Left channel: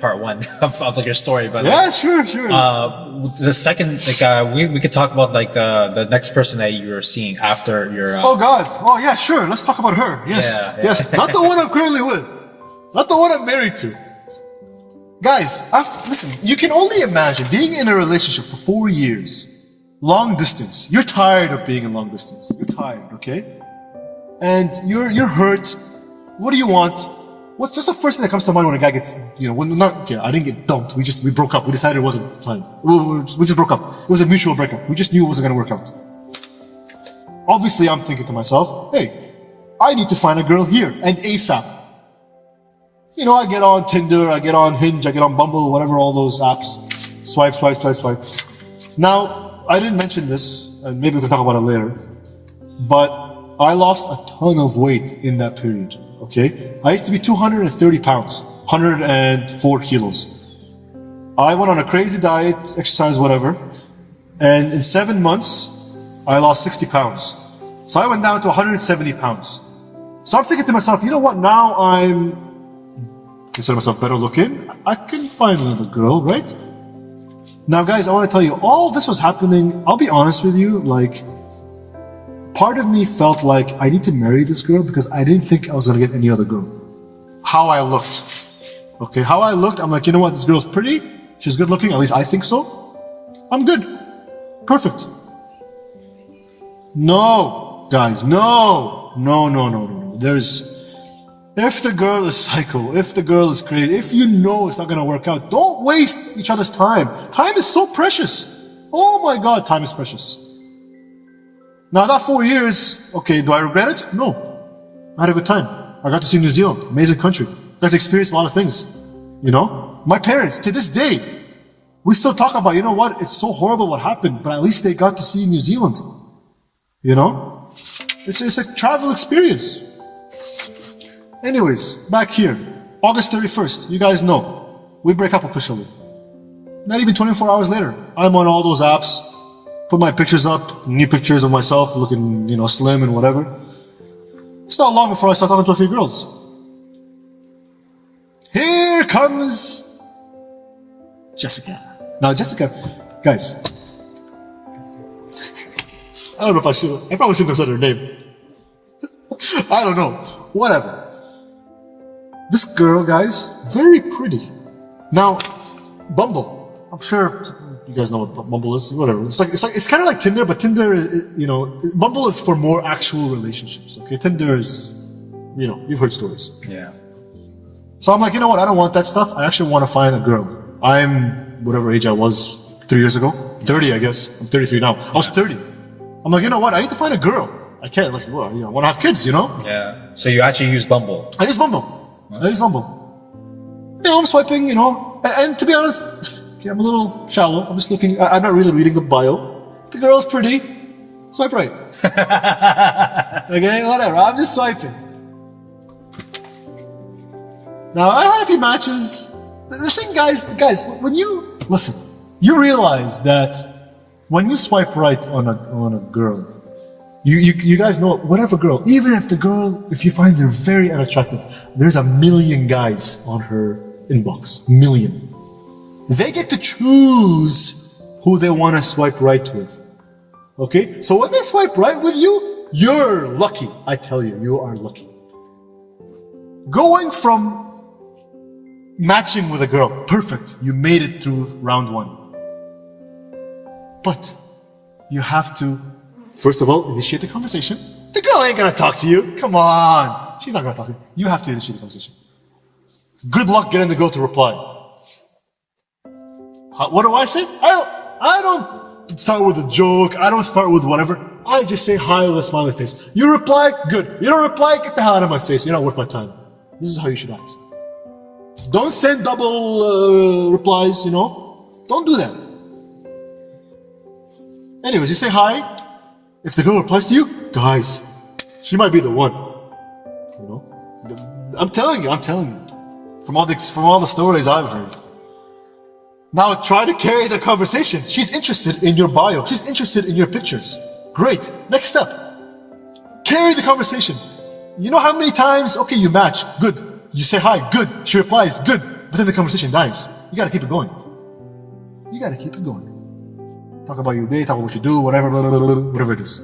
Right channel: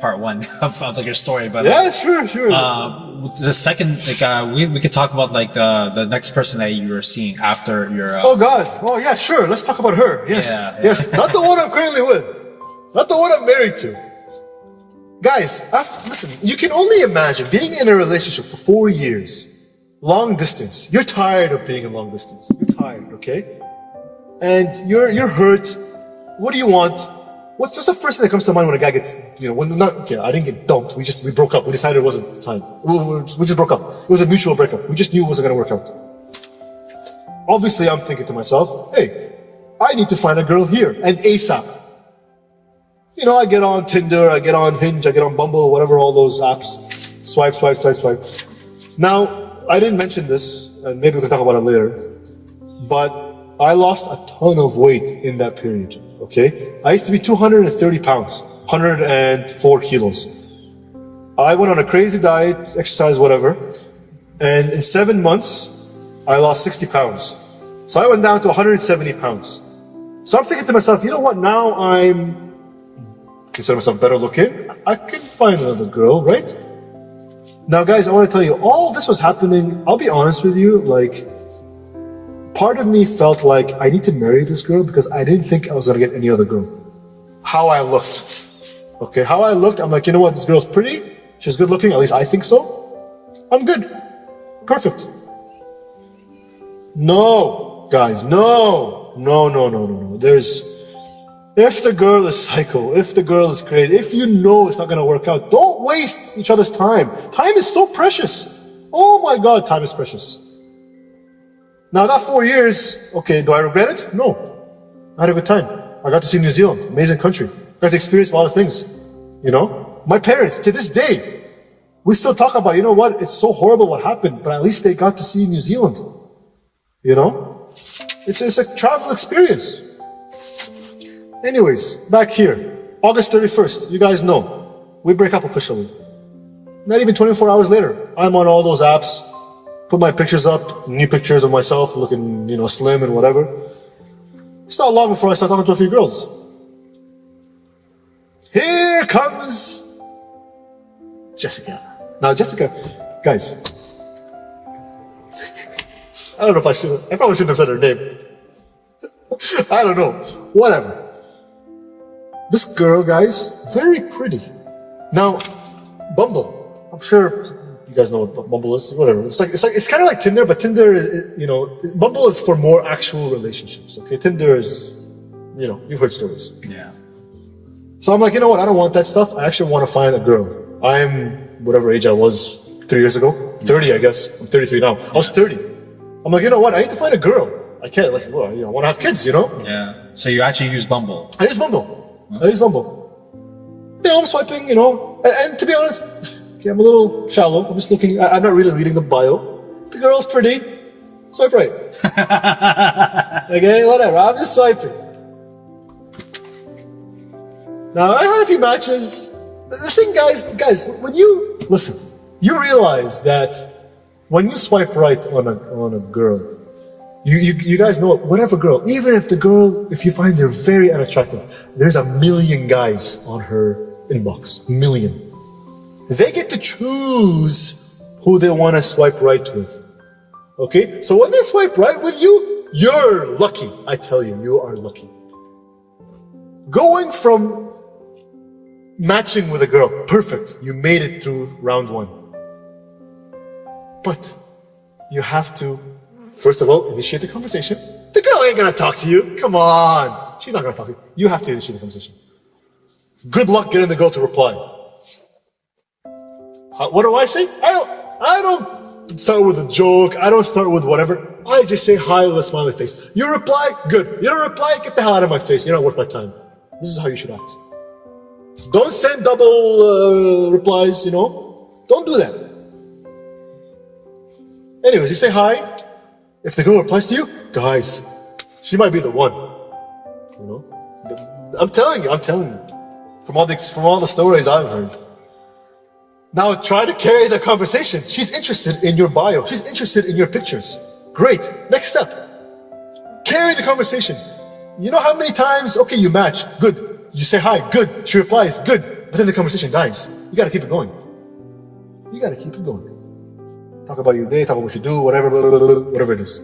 part one of like your story, but yeah, sure. the second, like, we could talk about like the next person that you were seeing after your. Oh God! Oh yeah, sure. Let's talk about her. Yes, yes. Not the one I'm currently with. Not the one I'm married to. Guys, listen. You can only imagine being in a relationship for 4 years, long distance. You're tired of being in long distance. You're tired, okay? And you're hurt. What do you want? What's the first thing that comes to mind when a guy gets, I didn't get dumped. We broke up. We decided it wasn't time. We just broke up. It was a mutual breakup. We just knew it wasn't going to work out. Obviously, I'm thinking to myself, hey, I need to find a girl here and ASAP. I get on Tinder, I get on Hinge, I get on Bumble, whatever, all those apps. Swipe. Now, I didn't mention this, and maybe we can talk about it later, but I lost a ton of weight in that period. Okay, I used to be 230 pounds, 104 kilos. I went on a crazy diet, exercise, whatever, and in 7 months, I lost 60 pounds. So I went down to 170 pounds. So I'm thinking to myself, you know what, now I'm, consider myself better looking, I can find another girl, right? Now guys, I want to tell you, all this was happening, I'll be honest with you, like, part of me felt like I need to marry this girl because I didn't think I was going to get any other girl. How I looked. Okay, how I looked, I'm like, you know what, this girl's pretty, she's good looking, at least I think so. I'm good. Perfect. No, guys, no. If the girl is psycho, if the girl is crazy, if you know it's not going to work out, don't waste each other's time. Time is so precious. Oh my God, time is precious. Now that 4 years, okay, do I regret it? No. I had a good time. I got to see New Zealand, amazing country. Got to experience a lot of things, My parents, to this day, we still talk about, you know what, it's so horrible what happened, but at least they got to see New Zealand. It's a travel experience. Anyways, back here, August 31st, you guys know, we break up officially. Not even 24 hours later, I'm on all those apps, put my pictures up, new pictures of myself looking, slim and whatever. It's not long before I start talking to a few girls. Here comes Jessica. Now Jessica, guys, I don't know if I probably shouldn't have said her name. I don't know, whatever. This girl, guys, very pretty. Now, Bumble, I'm sure you guys know what Bumble is, whatever. It's kind of like Tinder, but Tinder is, Bumble is for more actual relationships, okay? Tinder is, you've heard stories. Yeah. So I'm like, you know what, I don't want that stuff. I actually want to find a girl. I'm whatever age I was 3 years ago. 30, I guess. I'm 33 now. I was 30. I'm like, you know what, I need to find a girl. I can't, I want to have kids, Yeah. So you actually use Bumble? I use Bumble. I'm swiping, and to be honest, okay, I'm a little shallow. I'm just looking, I'm not really reading the bio. The girl's pretty, swipe right. Okay, whatever, I'm just swiping. Now, I had a few matches. The thing, guys, when you, listen, you realize that when you swipe right on a girl, you guys know, whatever girl, even if you find her very unattractive, there's a million guys on her inbox. Million. They get to choose who they want to swipe right with. Okay? So when they swipe right with you, you're lucky. I tell you, you are lucky. Going from matching with a girl, perfect. You made it through round 1. But you have to, first of all, initiate the conversation. The girl ain't gonna talk to you. Come on. She's not gonna talk to you. You have to initiate the conversation. Good luck getting the girl to reply. What do I say? I don't start with a joke. I don't start with whatever. I just say hi with a smiley face. You reply, good. You don't reply, get the hell out of my face. You're not worth my time. This is how you should act. Don't send double replies, Don't do that. Anyways, you say hi. If the girl replies to you, guys, she might be the one. I'm telling you. From all the stories I've heard. Now try to carry the conversation. She's interested in your bio. She's interested in your pictures. Great. Next step. Carry the conversation. You know how many times, okay, you match, good. You say hi, good. She replies, good. but then the conversation dies. You gotta keep it going. You gotta keep it going. Talk about your day, talk about what you do, whatever, blah, blah, blah, blah, whatever it is.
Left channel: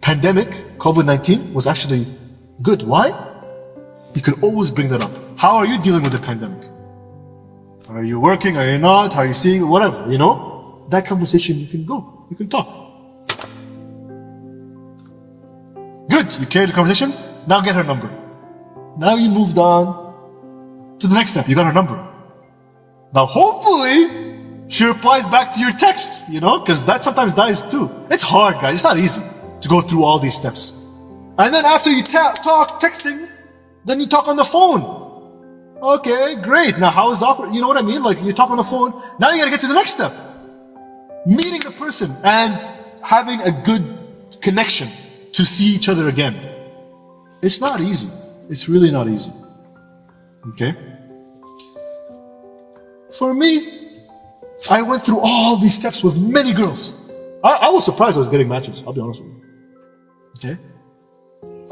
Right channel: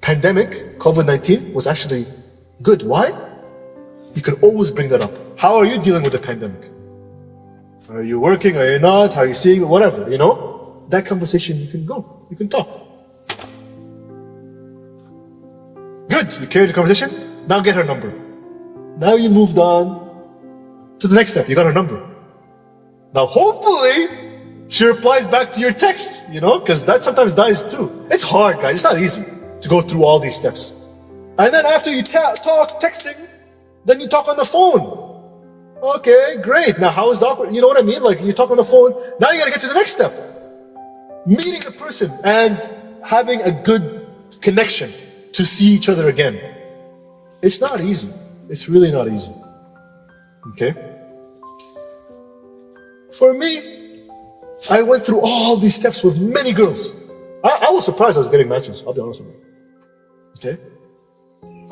Pandemic, COVID-19 was actually good. Why? You can always bring that up. How are you dealing with the pandemic? Are you working? Are you not? How are you seeing? Whatever, you know? That conversation, you can go. You can talk. Good. You carried the conversation. Now get her number. Now you moved on to the next step. You got her number. Now hopefully she replies back to your text, you know, because that sometimes dies too. It's hard, guys. It's not easy to go through all these steps. And then after you talk texting, then you talk on the phone. Okay, great. Now how is the awkward? You know what I mean? Like you talk on the phone. Now you gotta get to the next step. Meeting the person and having a good connection to see each other again. It's not easy. It's really not easy. Okay? For me, I went through all these steps with many girls. I was surprised I was getting matches, I'll be honest with you. Okay?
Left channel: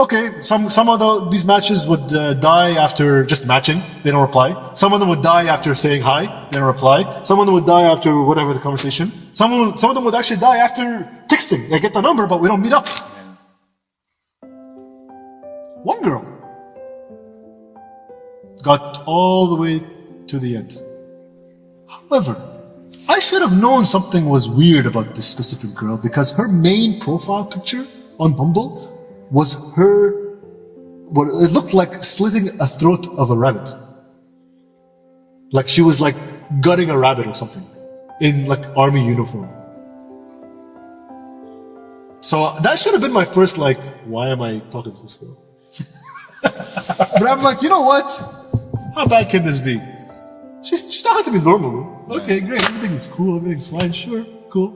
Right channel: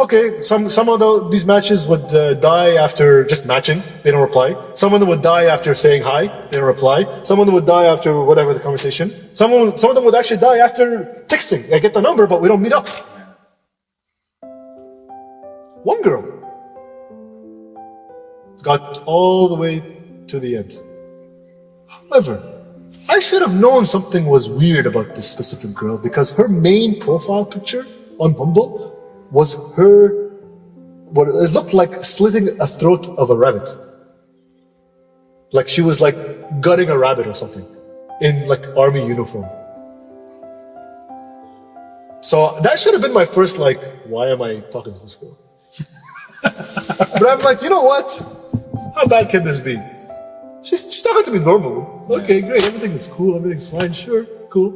Okay, some of these matches would die after just matching, they don't reply. Some of them would die after saying hi, they don't reply. Some of them would die after whatever the conversation. Some of them would actually die after texting. I get the number, but we don't meet up. One girl got all the way to the end. However, I should have known something was weird about this specific girl because her main profile picture on Bumble was her, what it looked like slitting a throat of a rabbit. Like she was like gutting a rabbit or something in like army uniform. So that should have been my first like, why am I talking to this girl? But I'm like, you know what? How bad can this be? She's talking to me normally. Okay, great. Everything is cool. Everything's fine. Sure, cool.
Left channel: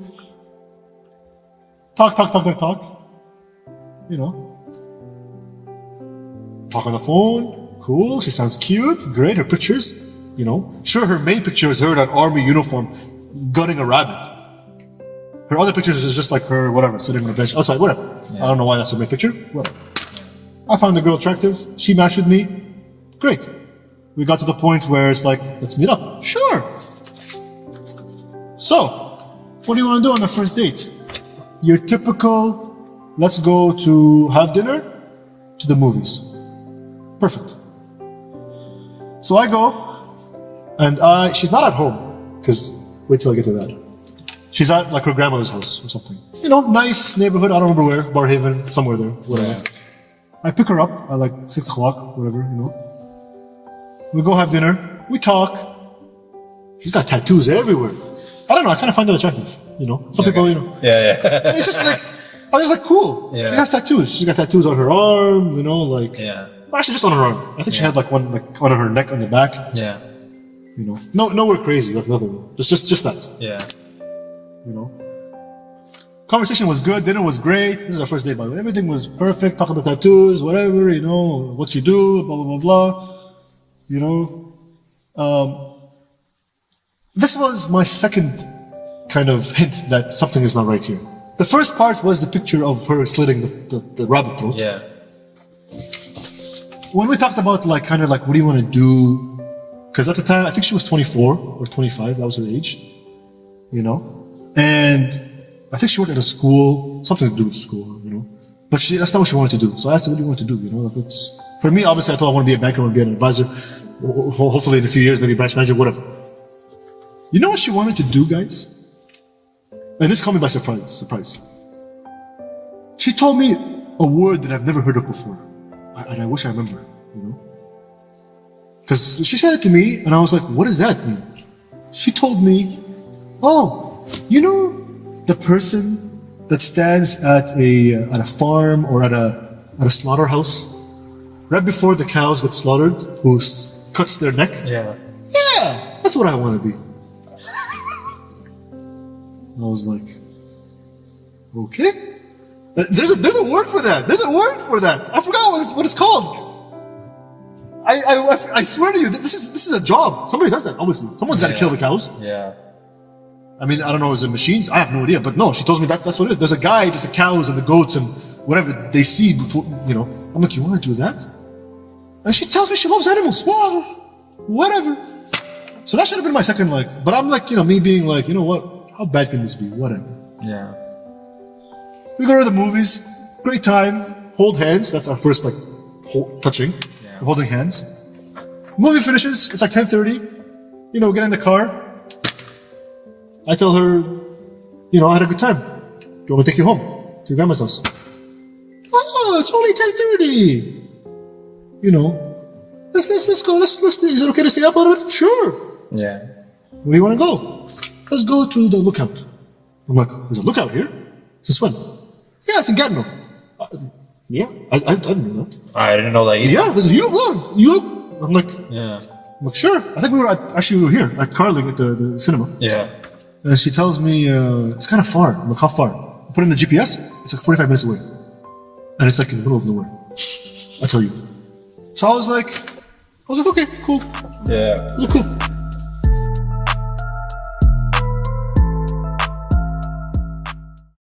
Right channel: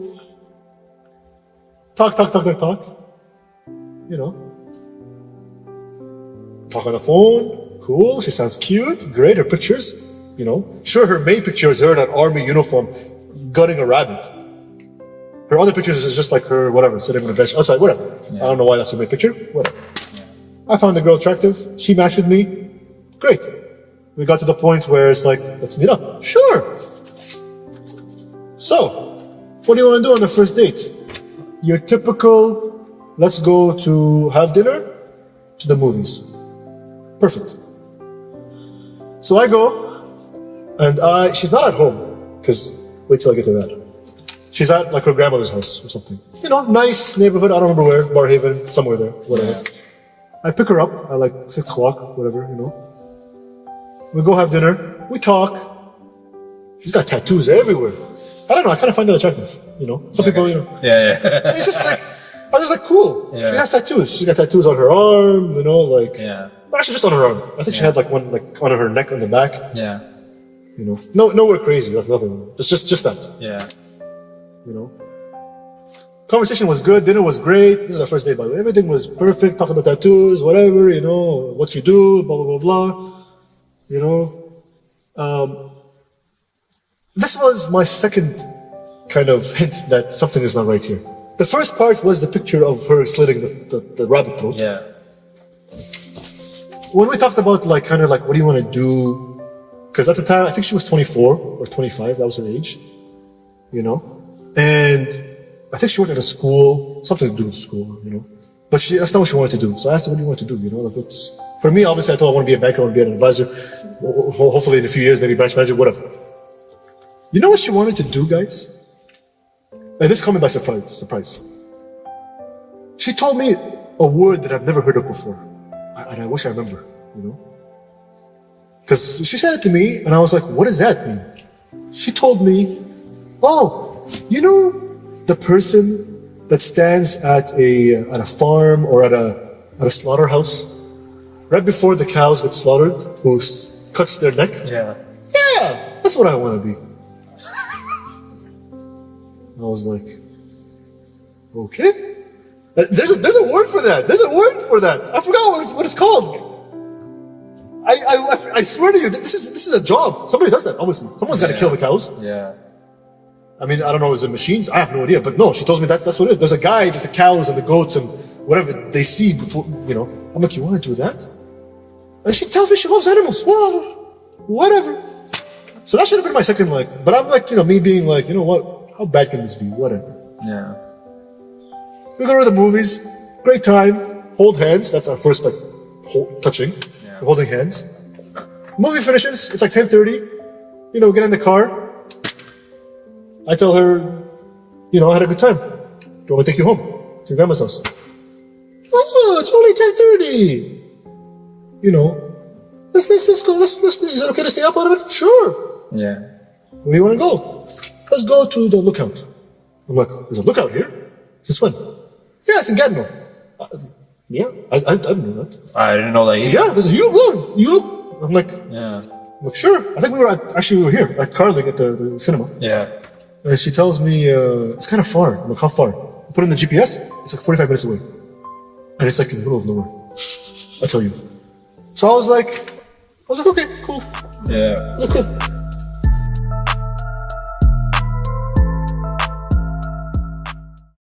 Talk. You know. Talk on the phone. Cool. She sounds cute. Great. Her pictures. You know. Sure, her main picture is her in an army uniform gutting a rabbit. Her other pictures is just like her, whatever, sitting on a bench outside, whatever. Yeah. I don't know why that's her main picture. Whatever. I found the girl attractive. She matched with me. Great. We got to the point where it's like, let's meet up. Sure. So, what do you want to do on the first date? Your typical, let's go to have dinner, to the movies. Perfect. So I go, and she's not at home, because wait till I get to that. She's at like her grandmother's house or something. You know, nice neighborhood, I don't remember where, Barhaven, somewhere there, whatever. Yeah. I pick her up at like 6 o'clock, whatever, you know. We go have dinner, we talk. She's got tattoos everywhere. I don't know, I kind of find that attractive, you know. Some people, you know. Yeah. It's just like, I was just like, cool. Yeah. She has tattoos. She's got tattoos on her arm, you know, like. Yeah. Actually, just on her arm. I think she had like one like on her neck on the back. Yeah. You know, nowhere crazy, like nothing. Just that. Yeah. You know. Conversation was good, dinner was great. This is our first date, by the way. Everything was perfect, talking about tattoos, whatever, you know, what you do, blah, blah, blah, blah. You know. This was my second kind of hint that something is not right here. The first part was the picture of her slitting the rabbit throat. Yeah. When we talked about like, kind of like, what do you want to do? Because at the time, I think she was 24 or 25, that was her age. You know. And I think she worked at a school, something to do with school, you know. But that's not what she wanted to do. So I asked her, what do you want to do? You know, like for me, obviously, I thought I want to be a banker, I want to be an advisor. Hopefully in a few years, maybe branch manager, whatever. You know what she wanted to do, guys? And this caught me by surprise. She told me a word that I've never heard of before. And I wish I remember, you know. Because she said it to me, and I was like, what does that mean? She told me, oh, you know, the person that stands at a farm or at a slaughterhouse right before the cows get slaughtered, who cuts their neck? Yeah, that's what I want to be. I was like, okay. There's a word for that. There's a word for that. I forgot what it's called. I swear to you, this is a job. Somebody does that, obviously. Someone's got to kill the cows. Yeah. I mean, I don't know, is it machines? I have no idea. But no, she tells me that's what it is. There's a guy that the cows and the goats and whatever they see before, you know. I'm like, you want to do that? And she tells me she loves animals. Wow. Whatever. So that should have been my second like, but I'm like, me being like, you know what? How bad can this be? Whatever. Yeah. We go to the movies. Great time. Hold hands. That's our first like touching. Yeah. We're holding hands. Movie finishes. It's like 10:30. Get in the car. I tell her, I had a good time. Do you want me to take you home to your grandma's house? Oh, it's only 10:30. Let's go. Is it okay to stay up a little bit? Sure. Yeah. Where do you want to go? Let's go to the lookout. I'm like, there's a lookout here? Since when? Yeah, it's in Gatineau. Yeah, I didn't know that. I didn't know that either. Yeah, there's a look. I'm like, Yeah. Sure. I think we were here at Carling at the cinema. Yeah. And she tells me, it's kind of far. I'm like, how far? I put in the GPS. It's like 45 minutes away. And it's like in the middle of nowhere. I tell you. So I was like, okay, cool. Yeah. I was like, cool.